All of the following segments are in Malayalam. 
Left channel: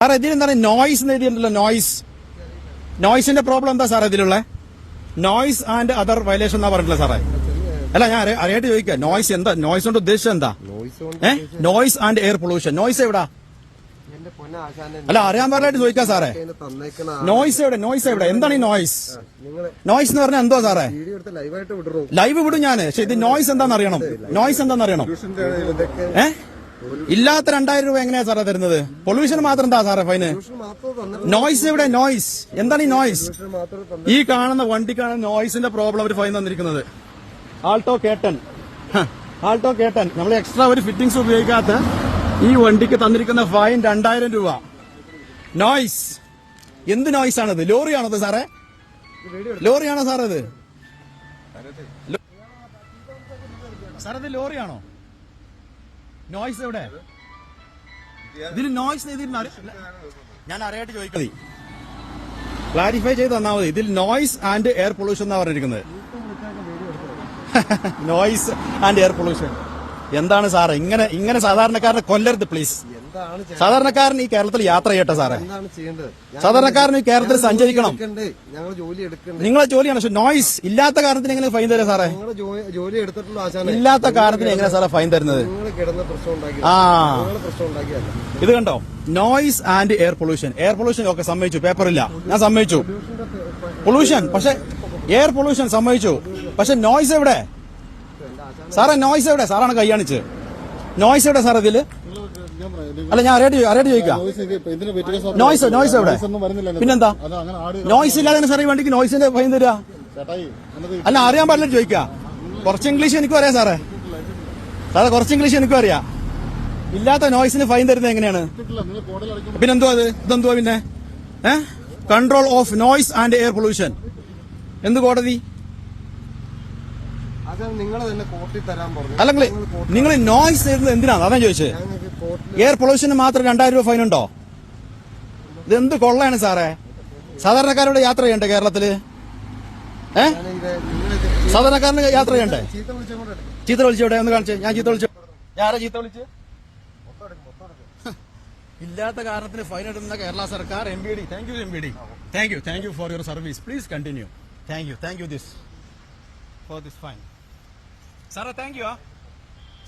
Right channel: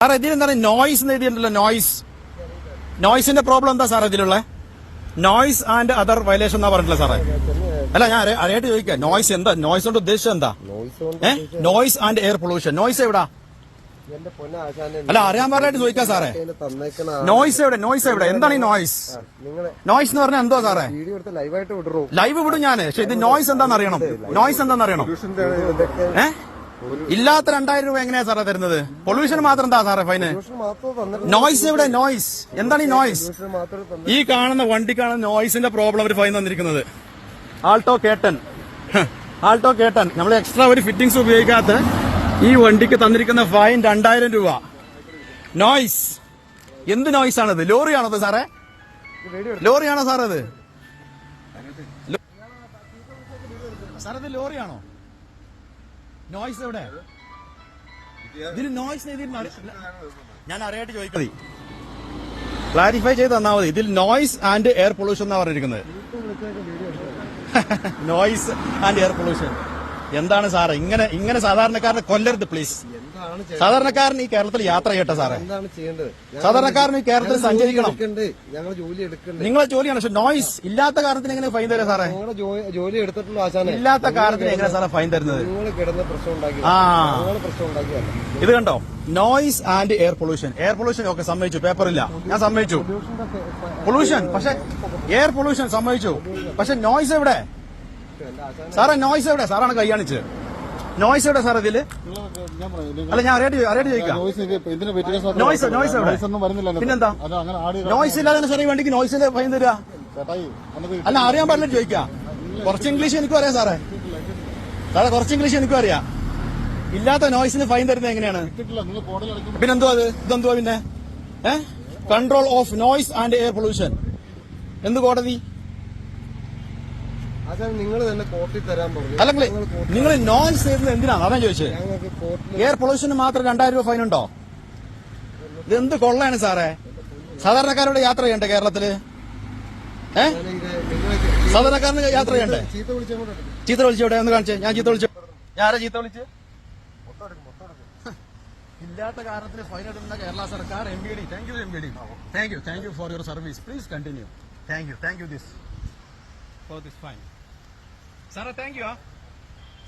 സാറേ ഇതിലെന്താണ് നോയിസ് എഴുതിയിട്ടുണ്ടല്ലോ നോയിസ് നോയിസിന്റെ പ്രോബ്ലം എന്താ സാർ ഇതിലുള്ള? നോയിസ് ആൻഡ് അതർ വയലേഷൻ എന്നാ പറഞ്ഞിട്ടില്ല സാറേ. അല്ല ഞാൻ അറിയ- അറിയായിട്ട് ചോദിക്കാം. നോയിസ് എന്താ? നോയിസ് കൊണ്ട് ഉദ്ദേശിച്ചത് എന്താ? ഏ? Noise and air pollution noise എവിടാ? അല്ല അറിയാൻ പാടില്ലായിട്ട് ചോദിക്കാം സാറേ. നോയിസ് എവിടെ? നോയിസ് എവിടെ? എന്താണ് ഈ നോയിസ് നോയിസ് എന്ന് പറഞ്ഞാൽ എന്താ സാറേ? ലൈവ് വിടും ഞാൻ പക്ഷെ ഇത് നോയിസ് എന്താണെന്ന് അറിയണം. നോയിസ് എന്താണെന്ന് അറിയണം. പൊല്യൂഷന്റെ ഇതൊക്കെ ഏ? ഇല്ലാത്ത രണ്ടായിരം രൂപ എങ്ങനെയാ സാറേ തരുന്നത്? പൊല്യൂഷൻ മാത്രം എന്താ സാറേ ഫൈന് നോയ്സ് എവിടെ? നോയ്സ് എന്താണ് ഈ നോയ്സ് ഈ കാണുന്ന വണ്ടി കാണുന്ന വണ്ടിക്കാണ് നോയ്സിന്റെ പ്രോബ്ലം അവർ ഫൈൻ തന്നിരിക്കുന്നത് Alto K ten Alto K ten നമ്മൾ എക്സ്ട്രാ ഒരു ഫിറ്റിംഗ്സ് ഉപയോഗിക്കാത്ത ഈ വണ്ടിക്ക് തന്നിരിക്കുന്ന ഫൈൻ രണ്ടായിരം രൂപ. നോയ്സ് എന്ത് നോയ്സ് ആണത്? ലോറിയാണത് സാറേ? വീഡിയോ ലോറിയാണോ സാറേ അത്? സാറേ ഇത് ലോറിയാണോ നോയ്സ് എവിടെ? ഇതിന് നോയ്സ് ഞാൻ അറിയായിട്ട് ചോദിക്കാം. ക്ലാരിഫൈ ചെയ്ത് തന്നാൽ മതി. ഇതിൽ നോയ്സ് ആൻഡ് എയർ പൊല്യൂഷൻ എന്നാ പറഞ്ഞിരിക്കുന്നത്. നോയ്സ് ആൻഡ് എയർ പൊല്യൂഷൻ എന്താണ് സാറേ? ഇങ്ങനെ ഇങ്ങനെ സാധാരണക്കാരനെ കൊല്ലരുത് പ്ലീസ് സാധാരണക്കാരൻ ഈ കേരളത്തിൽ യാത്ര ചെയ്യട്ടെ സാറേ. എന്താണ് ചെയ്യേണ്ടത്? ഞാൻ- സാധാരണക്കാരൻ ഈ കേരളത്തിൽ സഞ്ചരിക്കണം. നിങ്ങളെ ജോലിയാണ്. പക്ഷെ നോയിസ് ഇല്ലാത്ത കാരണത്തിന് എങ്ങനെ ഫൈൻ തരാം സാറേ? ജോലി എടുത്തിട്ടുള്ള ആശാനെ. ഇല്ലാത്ത കാരണത്തിന് എങ്ങനെ സാറേ ഫൈൻ തരുന്നത്? നിങ്ങൾ കിടന്ന പ്രശ്നം ഉണ്ടാക്കി. ആ. പ്രശ്നം ഉണ്ടാക്കിയല്ല ഇത് കണ്ടോ? Noise and air pollution air pollution ഒക്കെ സമ്മതിച്ചു. പേപ്പറില്ല ഞാൻ സമ്മതിച്ചു. പൊല്യൂഷൻ പക്ഷെ എയർ പൊല്യൂഷൻ സമ്മതിച്ചു. പക്ഷെ നോയിസ് എവിടെ? സാറേ നോയിസ് എവിടെ? സാറാണ് കൈയാണിച്ചത് നോയ്സ് എവിടെ സാർ ഇതിൽ അല്ല ഞാൻ അറിയാട്ട് അറിയാട്ട് ചോദിക്കാം. നോയ്സ് നോയ്സ് എവിടെ? പിന്നെന്താ? നോയ്സ് ഇല്ലാതെ സാറേ ഈ വണ്ടിക്ക് നോയ്സിന്റെ ഭയം തരാ. അല്ല അറിയാൻ പാടില്ല ചോദിക്കാം. കുറച്ച് ഇംഗ്ലീഷ് എനിക്കും അറിയാം സാറേ സാറേ കുറച്ച് ഇംഗ്ലീഷ് എനിക്കും അറിയാം. ഇല്ലാത്ത നോയ്സിന് ഫൈൻ തരുന്നത് എങ്ങനെയാണ്? പിന്നെന്തോ അത്? ഇതെന്തോ പിന്നെ? Control of noise and air pollution എന്ത് കോടതി? അല്ലെങ്കിൽ നിങ്ങൾ നോയ്സ് ചെയ്യുന്നത് എന്തിനാണ്? അതാ ചോദിച്ചത്. എയർ പൊല്യൂഷന് മാത്രം രണ്ടായിരം രൂപ ഫൈൻ ഉണ്ടോ? എന്ത് കൊള്ളയാണ് സാറേ? സാധാരണക്കാരോട് യാത്ര ചെയ്യണ്ടേ കേരളത്തിൽ? ഏ? സാധാരണക്കാരന് യാത്ര ചെയ്യണ്ടേ? ചീത്ത വിളിച്ചോട്ടെ ഒന്ന് കാണിച്ചേ. ഞാൻ ചീത്ത വിളിച്ചു. ആരാ ചീത്ത വിളിച്ച്? ഇല്ലാത്ത കാരണത്തിന് ഫൈൻ ഇടുന്ന കേരള സർക്കാർ M B D thank you M B D thank you thank you for your service please continue thank you thank you this for this fine സാറേ താങ്ക് യു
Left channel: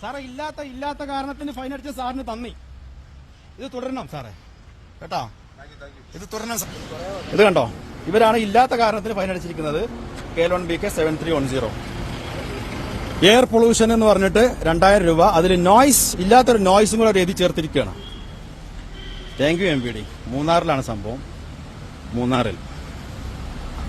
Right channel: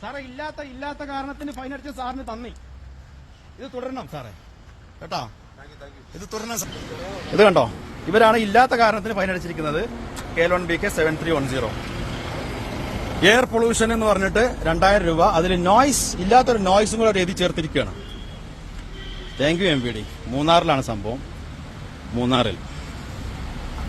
സാറേ ഇല്ലാത്ത ഇല്ലാത്ത കാരണത്തിന് ഫൈൻ അടിച്ച സാറിന് തന്നി ഇത് തുടരണം. സാറേ. കേട്ടോ? ഇത് തുടരണം. ഇത് കണ്ടോ? ഇവരാണ് ഇല്ലാത്ത കാരണത്തിന് fine അടിച്ചിരിക്കുന്നത്. K one B K seven three one zero air pollution എന്ന് പറഞ്ഞിട്ട് രണ്ടായിരം രൂപ. അതിൽ നോയ്സ് ഇല്ലാത്തൊരു നോയ്സും കൂടെ എഴുതി ചേർത്തിരിക്കുകയാണ്. Thank you M P D മൂന്നാറിലാണ് സംഭവം. മൂന്നാറിൽ.